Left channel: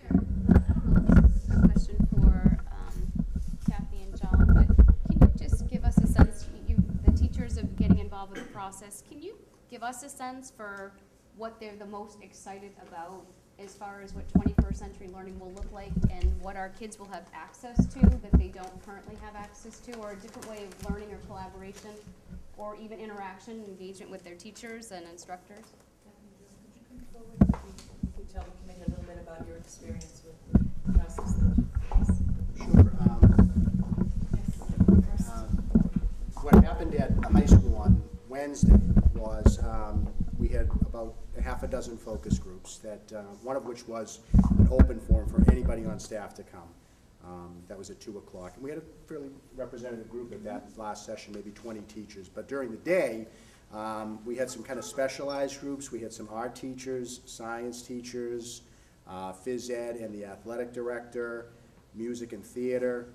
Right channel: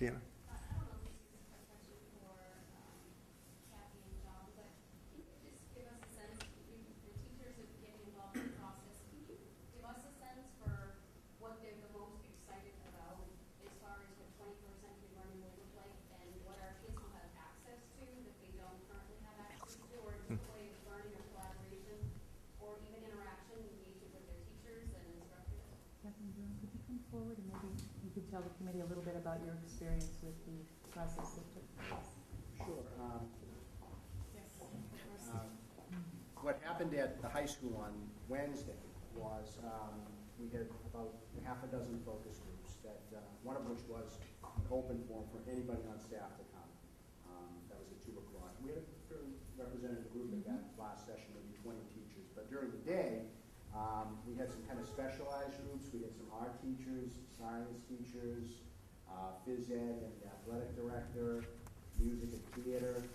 Dan. A question for Kathy and John, but can you just give us a sense, the teachers are getting involved with the process, can you give us a sense for what they're the most excited about as far as what 21st century learning will look like and what our kids will have access to that they don't currently have access to, or a different way of learning or collaboration or even interaction and engagement with their teachers and instructors? Could you come forward? You could tell the committee a little bit about your experience with the process that you faced. Sure. What happened at the high school on Wednesday was we had about a half a dozen focus groups, that one of which was an open forum for anybody on staff to come. That was at 2 o'clock. And we had a fairly representative group at that last session, maybe 20 teachers. But during the day, we had some kind of specialized groups. We had some art teachers, science teachers, phys ed and the athletic director, music and theater,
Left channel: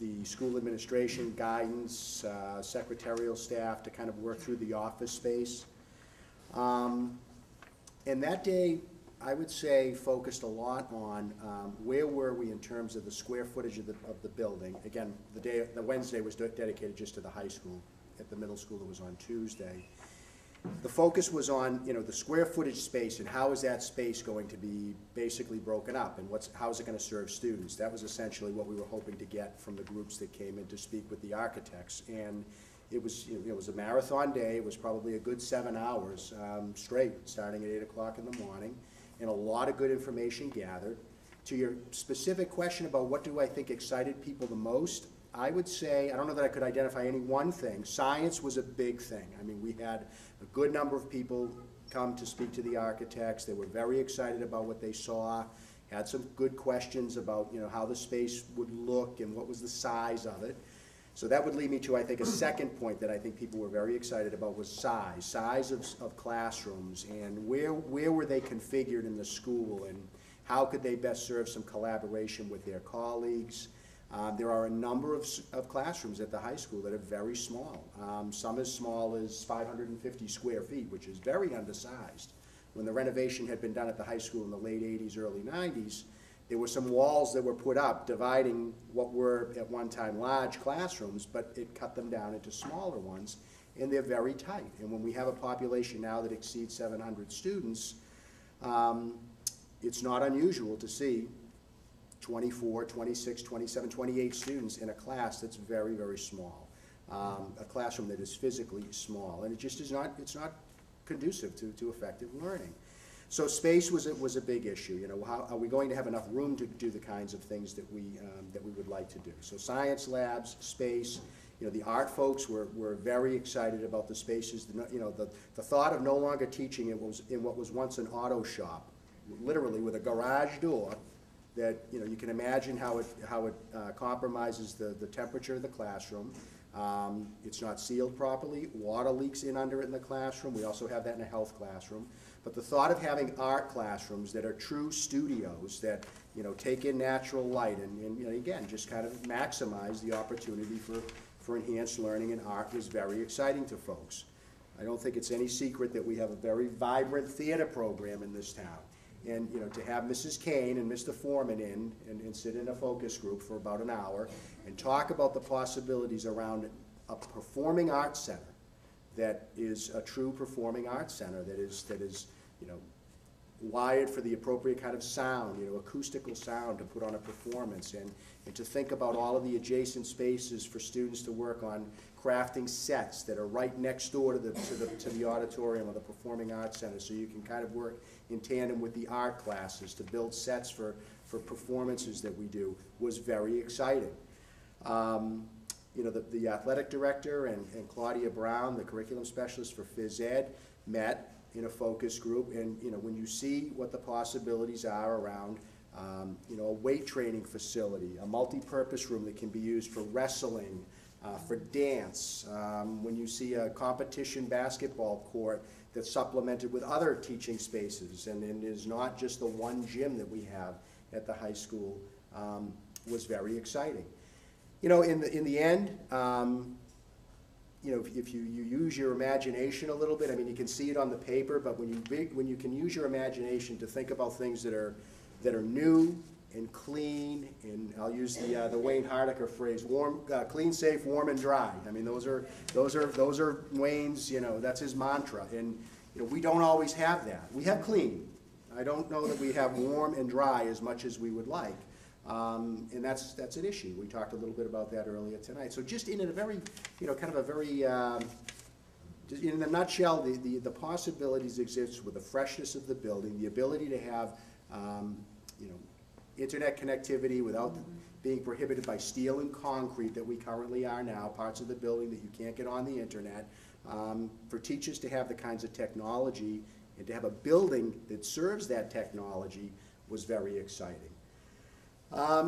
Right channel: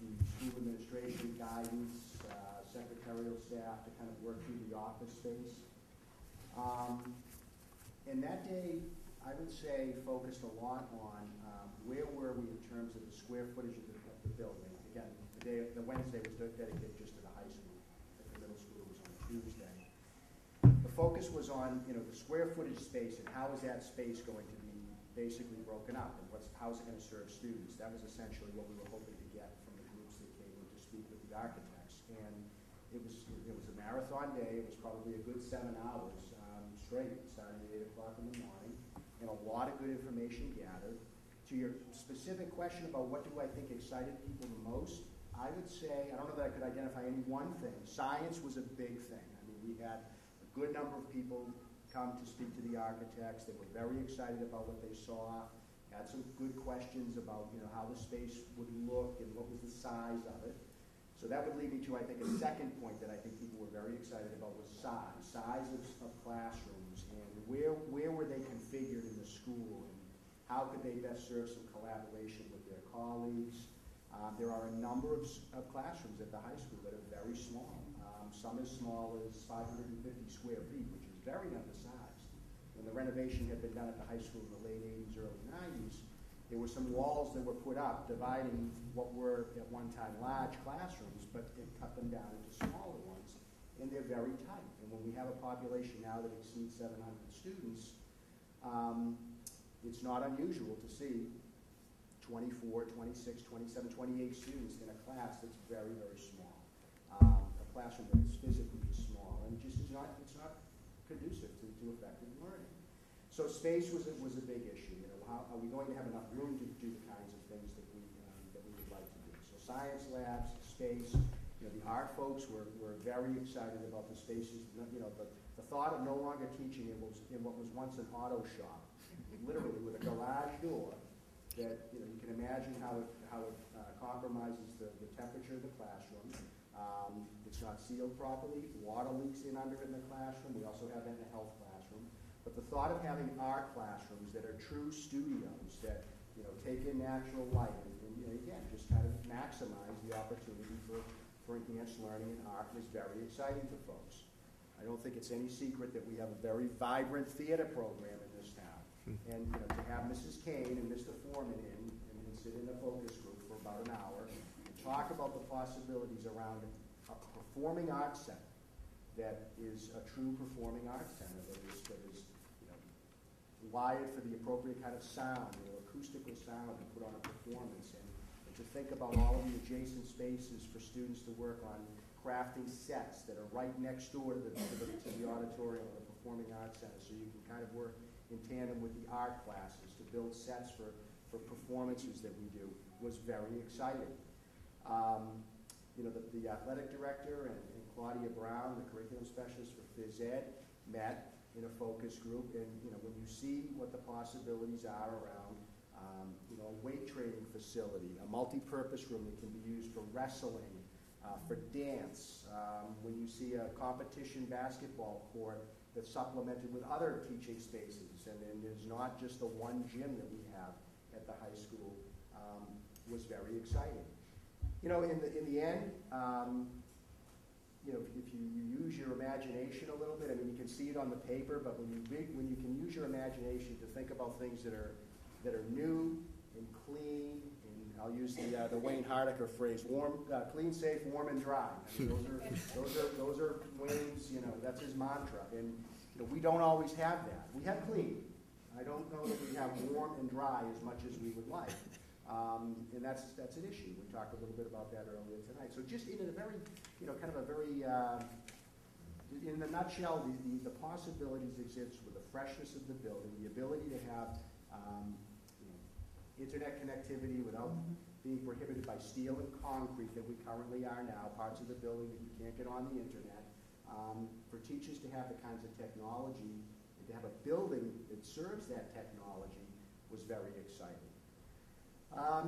the school administration, guidance, secretarial staff to kind of work through the office space. And that day, I would say, focused a lot on where were we in terms of the square footage of the building. Again, the Wednesday was dedicated just to the high school. At the middle school, it was on Tuesday. The focus was on, the square footage space and how is that space going to be basically broken up and how is it going to serve students. That was essentially what we were hoping to get from the groups that came in to speak with the architects. And it was a marathon day. It was probably a good 7 hours straight, starting at 8 o'clock in the morning, and a lot of good information gathered. To your specific question about what do I think excited people the most, I would say, I don't know that I could identify any one thing. Science was a big thing. I mean, we had a good number of people come to speak to the architects. They were very excited about what they saw, had some good questions about, how the space would look and what was the size of it. So that would lead me to, I think, a second point that I think people were very excited about was size of classrooms, and where were they configured in the school, and how could they best serve some collaboration with their colleagues. There are a number of classrooms at the high school that are very small. Some as small as 550 square feet, which is very undersized. When the renovation had been done at the high school in the late 80s, early 90s, there were some walls that were put up dividing what were at one time large classrooms, but it cut them down into smaller ones, and they're very tight. And when we have a population now that exceeds 700 students, it's not unusual to see 24, 26, 27, 28 students in a class that's very, very small. A classroom that is physically small, and it just is not, it's not conducive to effective learning. So space was a big issue. How are we going to have enough room to do the kinds of things that we would like to do? So science labs, space. The art folks were very excited about the spaces. The thought of no longer teaching in what was once an auto shop, literally with a garage door, that you can imagine how it compromises the temperature of the classroom. It's not sealed properly. Water leaks in under it in the classroom. We also have that in a health classroom. But the thought of having art classrooms that are true studios that take in natural light and again just kind of maximize the opportunity for enhanced learning in art was very exciting to folks. I don't think it's any secret that we have a very vibrant theater program in this town. And to have Mrs. Kane and Mr. Foreman in and sit in a focus group for about an hour and talk about the possibilities around a performing arts center that is a true performing arts center that is wired for the appropriate kind of sound, acoustical sound to put on a performance, and to think about all of the adjacent spaces for students to work on crafting sets that are right next door to the auditorium of the Performing Arts Center, so you can kind of work in tandem with the art classes to build sets for performances that we do, was very exciting. The athletic director and Claudia Brown, the curriculum specialist for phys ed, met in a focus group, and when you see what the possibilities are around a weight training facility, a multi-purpose room that can be used for wrestling, for dance, when you see a competition basketball court that's supplemented with other teaching spaces and is not just the one gym that we have at the high school, was very exciting. In the end, you know, if you use your imagination a little bit, I mean, you can see it on the paper, but when you can use your imagination to think about things that are new and clean, and I'll use the Wayne Hardiker phrase, clean, safe, warm, and dry. I mean, those are Wayne's, you know, that's his mantra. And you know, we don't always have that. We have clean. I don't know that we have warm and dry as much as we would like. And that's an issue. We talked a little bit about that earlier tonight. So just in a very, you know, kind of a very, just in a nutshell, the possibilities exist with the freshness of the building, the ability to have, you know, internet connectivity without being prohibited by steel and concrete that we currently are now, parts of the building that you can't get on the internet, for teachers to have the kinds of technology and to have a building that serves that technology was very exciting.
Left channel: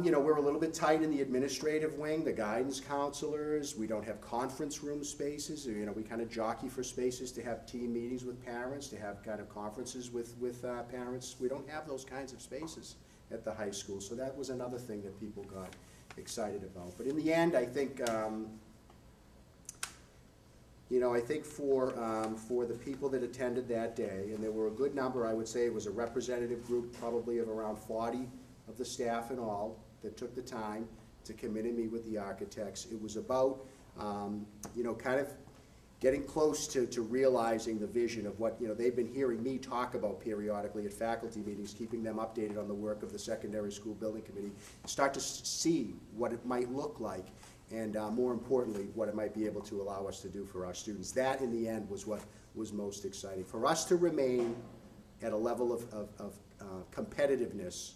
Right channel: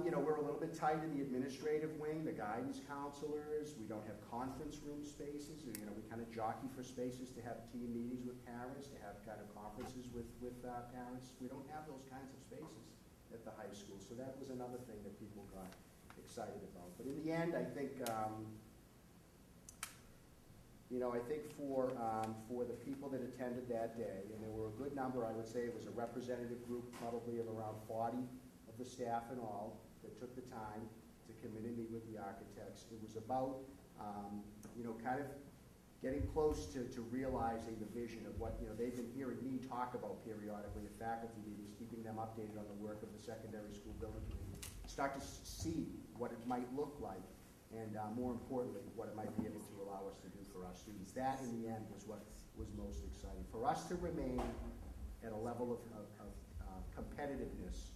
You know, we're a little bit tight in the administrative wing, the guidance counselors. We don't have conference room spaces. You know, we kind of jockey for spaces to have team meetings with parents, to have kind of conferences with parents. We don't have those kinds of spaces at the high school. So that was another thing that people got excited about. But in the end, I think, you know, I think for the people that attended that day, and there were a good number, I would say it was a representative group probably of around 40 of the staff and all that took the time to come in and meet with the architects. It was about, you know, kind of getting close to realizing the vision of what, you know, they've been hearing me talk about periodically at faculty meetings, keeping them updated on the work of the secondary school building committee, start to see what it might look like, and more importantly, what it might be able to allow us to do for our students. That, in the end, was what was most exciting. For us to remain at a level of competitiveness,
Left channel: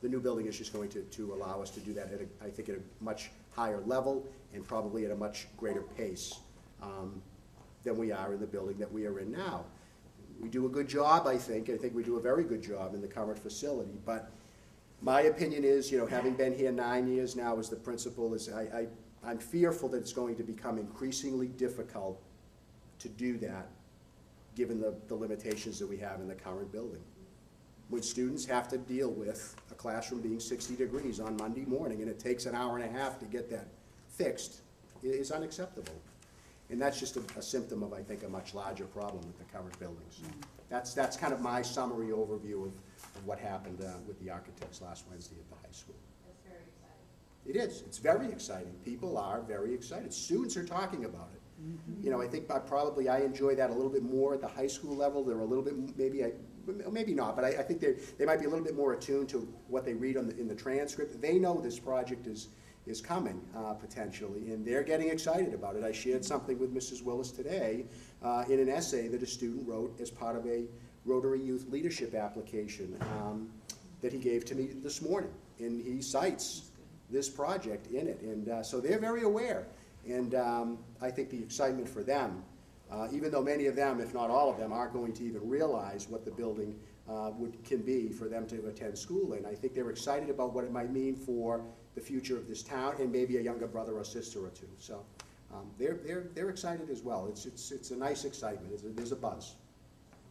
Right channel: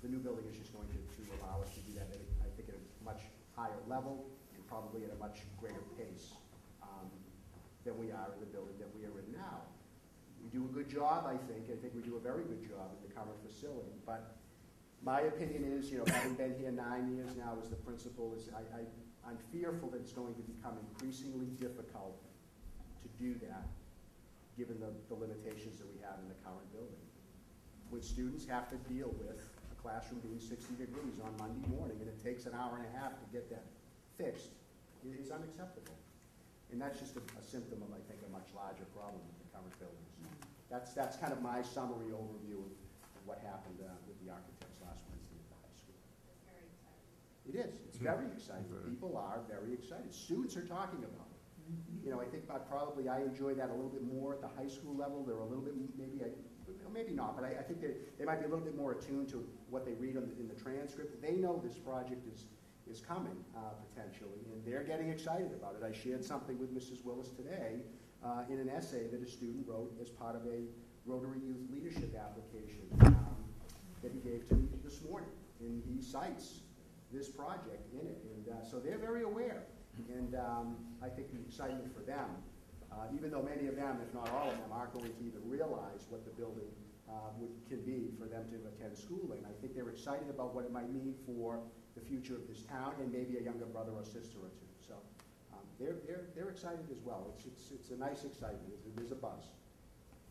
the new building is just going to allow us to do that, I think, at a much higher level and probably at a much greater pace than we are in the building that we are in now. We do a good job, I think. I think we do a very good job in the current facility, but my opinion is, you know, having been here 9 years now as the principal, is I'm fearful that it's going to become increasingly difficult to do that given the limitations that we have in the current building. When students have to deal with a classroom being 60 degrees on Monday morning and it takes an hour and a half to get that fixed, it is unacceptable. And that's just a symptom of, I think, a much larger problem with the current buildings. That's kind of my summary overview of what happened with the architects last Wednesday at the high school. That's very exciting. It is. It's very exciting. People are very excited. Students are talking about it. You know, I think I enjoy that a little bit more at the high school level. They're a little bit, maybe not, but I think they might be a little bit more attuned to what they read in the transcript. They know this project is coming, potentially, and they're getting excited about it. I shared something with Mrs. Willis today in an essay that a student wrote as part of a Rotary Youth Leadership application that he gave to me this morning, and he cites this project in it, and so they're very aware, and I think the excitement for them, even though many of them, if not all of them, aren't going to even realize what the building can be for them to attend school in, I think they're excited about what it might mean for the future of this town and maybe a younger brother or sister or two. So they're excited as well. It's a nice excitement. There's a buzz.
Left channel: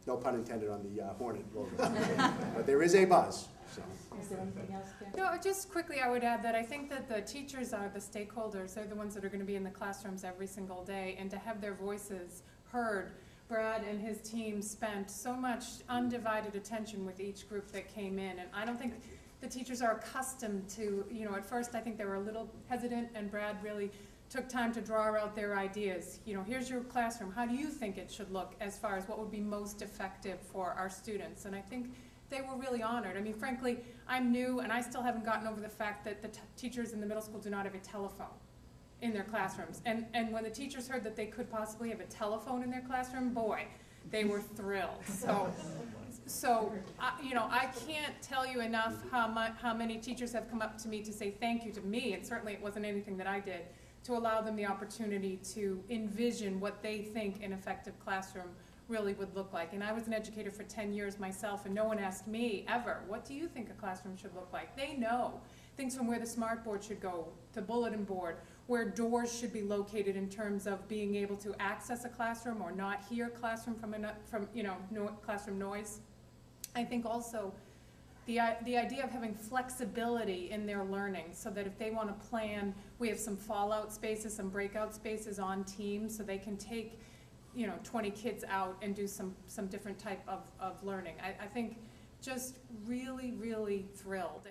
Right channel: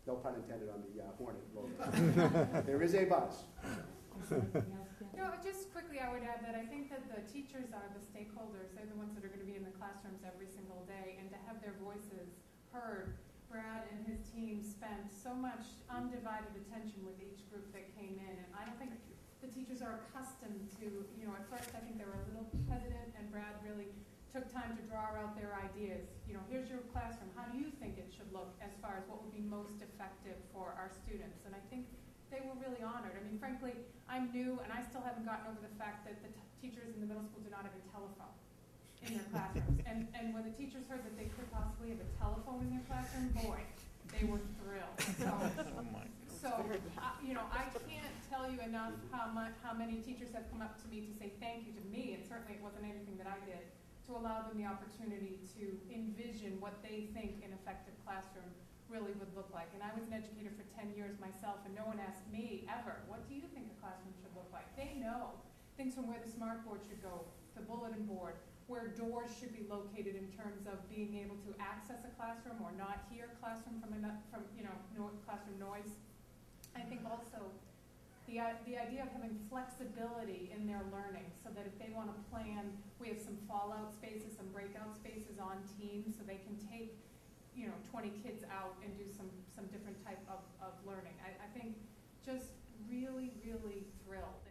No pun intended on the Hornet logo, but there is a buzz. So. Is there anything else, Kim? No, just quickly, I would add that I think that the teachers are the stakeholders. They're the ones that are going to be in the classrooms every single day, and to have their voices heard. Brad and his team spent so much undivided attention with each group that came in, and I don't think the teachers are accustomed to, you know, at first I think they were a little hesitant, and Brad really took time to draw out their ideas. You know, here's your classroom. How do you think it should look as far as what would be most effective for our students? And I think they were really honored. I mean, frankly, I'm new, and I still haven't gotten over the fact that the teachers in the middle school do not have a telephone in their classrooms. And when the teachers heard that they could possibly have a telephone in their classroom, boy, they were thrilled. So you know, I can't tell you enough how many teachers have come up to me to say thank you to me, and certainly it wasn't anything that I did, to allow them the opportunity to envision what they think an effective classroom really would look like. And I was an educator for 10 years myself, and no one asked me ever, what do you think a classroom should look like? They know things from where the smart board should go, the bulletin board, where doors should be located in terms of being able to access a classroom or not hear classroom from you know, classroom noise. I think also the idea of having flexibility in their learning, so that if they want to plan, we have some fallout spaces, some breakout spaces on teams, so they can take, 20 kids out and do some different type of learning. I think just really, really thrilled.